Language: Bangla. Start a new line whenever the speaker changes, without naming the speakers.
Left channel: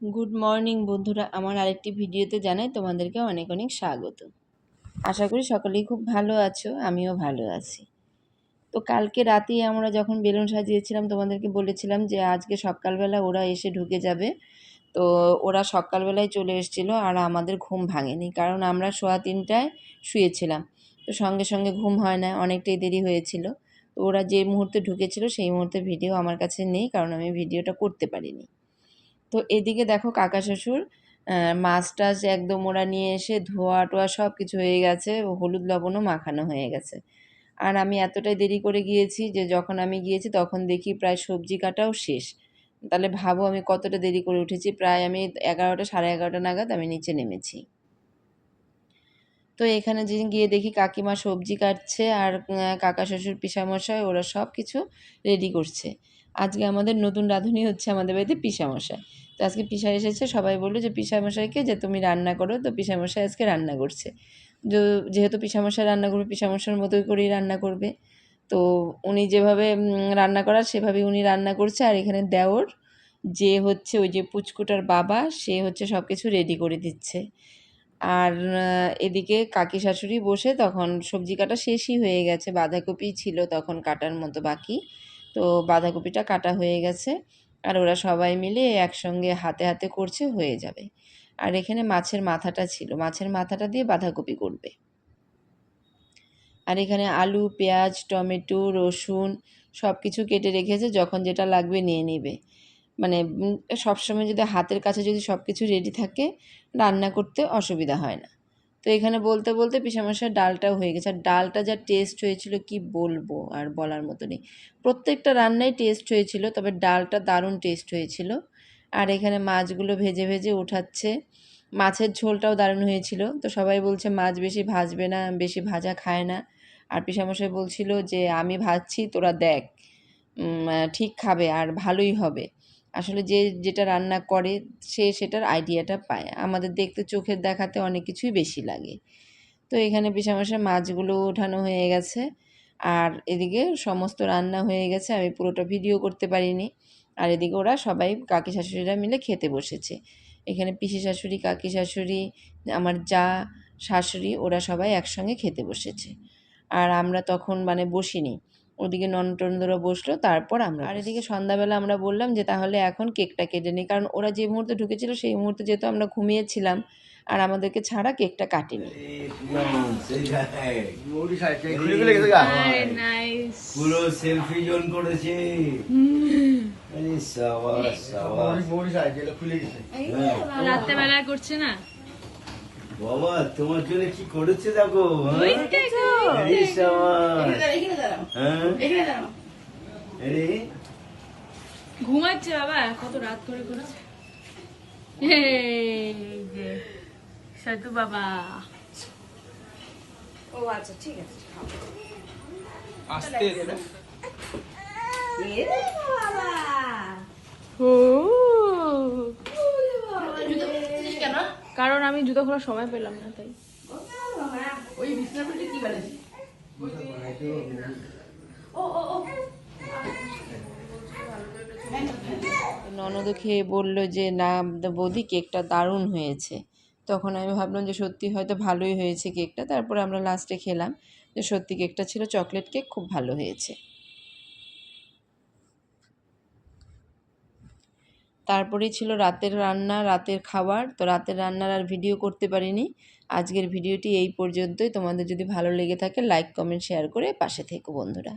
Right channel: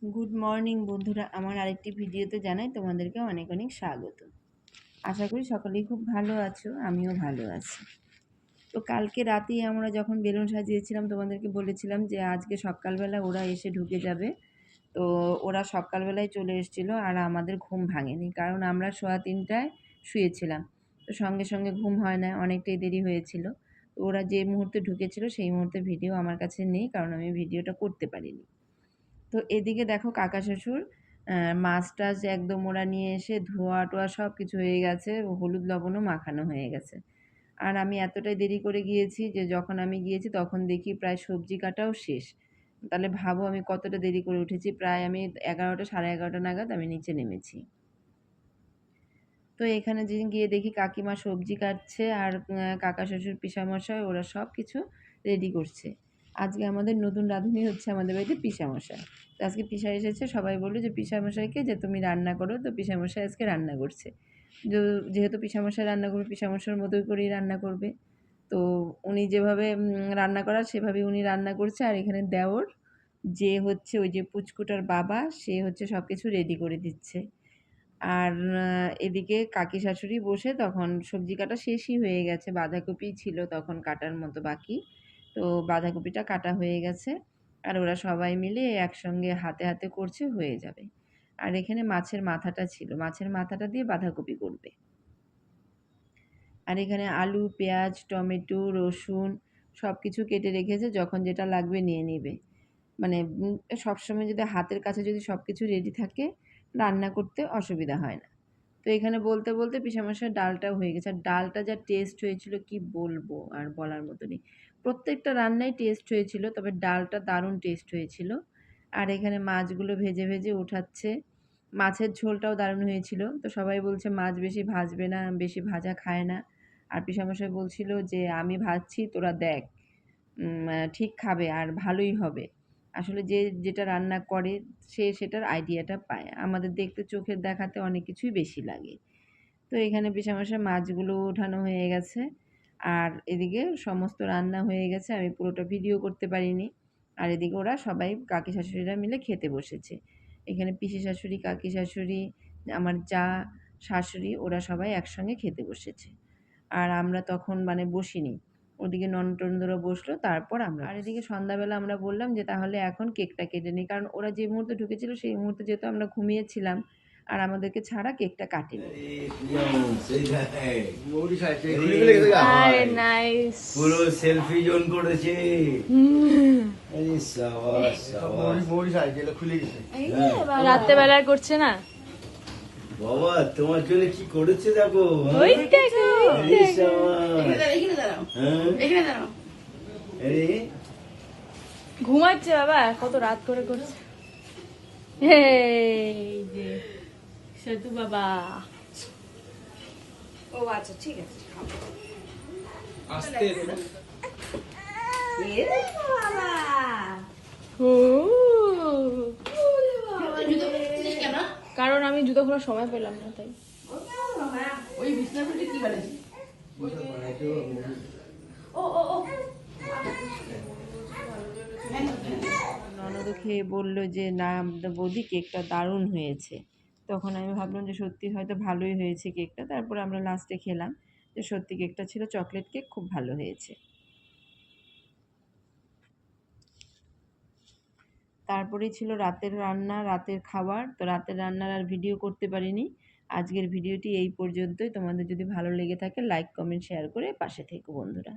গুড মর্নিং বন্ধুরা। আমার আরেকটি ভিডিওতে জানাই তোমাদেরকে অনেক অনেক স্বাগত। আশা করি সকলেই খুব ভালো আছো, আমিও ভালো আছি। তো কালকে রাতেই আমরা যখন বেলুন সাজিয়েছিলাম, তোমাদেরকে বলেছিলাম যে আজকে সকালবেলা ওরা এসে ঢুকে যাবে। তো ওরা সকালবেলায় চলে এসেছিল আর আমাদের ঘুম ভাঙেনি, কারণ আমরা সোয়া তিনটায় শুয়েছিলাম। তো সঙ্গে সঙ্গে ঘুম হয় না, অনেকটাই দেরি হয়েছিল। তো ওরা যে মুহূর্তে ঢুকেছিল সেই মুহূর্তে ভিডিও আমার কাছে নেই, কারণ আমি ভিডিওটা করতে পারিনি। তো এদিকে দেখো কাকা শ্বশুর মাছ টাছ একদম ওরা নিয়ে এসে ধোয়া টোয়া সব কিছু হয়ে গেছে হলুদ লবণও মাখানো হয়ে গেছে। আর আমি এতটাই দেরি করে গিয়েছি যে যখন আমি গিয়েছি তখন দেখি প্রায় সবজি কাটাও শেষ। তাহলে ভাবো আমি কতটা দেরি করে উঠেছি, প্রায় আমি এগারোটা সাড়ে এগারোটা নাগাদ আমি নিচে নেমেছি। তো এখানে যে গিয়ে দেখি কাকিমা সবজি কাটছে আর কাকা শ্বশুর, পিসামশাই ওরা সব কিছু রেডি করছে। আজকে আমাদের নতুন রাঁধুনি হচ্ছে আমাদের বাড়িতে পিসামশাই। তো আজকে পিসা এসেছে, সবাই বলল যে পিসামশাইকে যে তুমি রান্না করো, তো পিসামশাই আজকে রান্না করছে। যেহেতু পিসামশাই রান্না করবে পিসামশার মতোই করেই রান্না করবে। তো উনি যেভাবে রান্না করার সেভাবেই উনি রান্না করছে। আর এখানে দেওর, যে হচ্ছে ওই যে পুচকুটার বাবা, সে হচ্ছে সব কিছু রেডি করে দিচ্ছে। আর এদিকে কাকি শাশুড়ি বসে তখন সবজি কাটা শেষই হয়ে গেছে। বাঁধাকপি ছিল তখন কাটার মতো বাকি। তো বাঁধাকপিটা কাটা হয়ে গেছে। আর ওরা সবাই মিলে একসঙ্গে হাতে হাতে করছে, হয়ে যাবে। আর এখানে মাছের মাথাটা ছিল। মাছের মাথাটা দিয়ে বাঁধাকপি করবে। আর এখানে আলু, পেঁয়াজ, টমেটো, রসুন সব কিছু কেটে রেখেছে। যখন যেটা লাগবে নিয়ে নেবে। মানে সবসময় যদি হাতের কাছে যদি সব কিছু রেডি থাকে, রান্না করতে অসুবিধা হয় না। তো এখানে বলতে বলতে পিসামশাই ডালটাও হয়ে গেছে। আর ডালটা যা টেস্ট হয়েছিল কি বলব আর বলার মতো নেই। প্রত্যেকটা রান্নাই টেস্ট হয়েছিল, তবে ডালটা দারুণ টেস্ট হয়েছিল। আর এখানে মাছগুলো ভেজে ভেজে ওঠাচ্ছে। মাছের ঝোলটাও দারুণ হয়েছিল। তো সবাই বলছে, মাছ বেশি ভাজবে না, বেশি ভাজা খায় না। আর পিসামশাই বলছিল যে, আমি ভাজছি, তোরা দেখ। ঠিক খাবে আর ভালোই হবে। আসলে যে, যেটা রান্না করে সে সেটার আইডিয়াটা পায়। আমাদের দেখতে চোখের দেখাতে অনেক কিছুই বেশি লাগে। তো এখানে পিসামশাই মাছগুলো ওঠানো হয়ে গেছে। আর এদিকে সমস্ত রান্না হয়ে গেছে। আমি পুরোটা ভিডিও করতে পারিনি। আর এদিকে ওরা সবাই কাকি শাশুড়িরা মিলে খেতে বসেছে। এখানে পিসি শাশুড়ি, কাকি শাশুড়ি, আমার যা শাশুড়ি, ওরা সবাই একসঙ্গে খেতে বসেছে। আর আমরা তখন মানে বসিনি। ওদিকে ননটনদরা বসল তারপর আমরা আর এদিকে সন্ধ্যাবেলা আমরা বললাম যে তাহলে এখন কেকটা কেটে নিই কারণ ওরা যে মুহূর্তে ঢুকেছিল সেই মুহূর্তে যেহেতু আমরা ঘুমিয়েছিলাম আর আমাদেরকে ছাড়া কেকটা কাটেনি।
পুরো সেলফি জোন করেছে।
রাত্রেবেলায় করছে না?
বাবা তোমার জন্য কি করেছে দেখো হ্যাঁ?
ঘুমাচ্ছে বাবা কত রাত করে করছে সতু বাবা। ও আচ্ছা ঠিক আছে কারণ আমি জুতো খোলার সময় পেলাম না তাই।
ননদ খেয়ে বলল যে না বৌদি কেকটা দারুণ হয়েছে। তখন আমি ভাবলাম যে সত্যি হয়তো ভালোই হয়েছে কেকটা। তারপরে আমরা লাস্টে খেলাম যে সত্যি কেকটা ছিল চকলেট কেক খুব ভালো হয়েছে। তারপরেই ছিল রাতের রান্না, রাতের খাবার। তো রাতের রান্নার আর ভিডিও করতে পারিনি। আজকের ভিডিওটি এই পর্যন্তই। তোমাদের যদি ভালো লেগে থাকে লাইক কমেন্ট শেয়ার করে পাশে থেকো বন্ধুরা।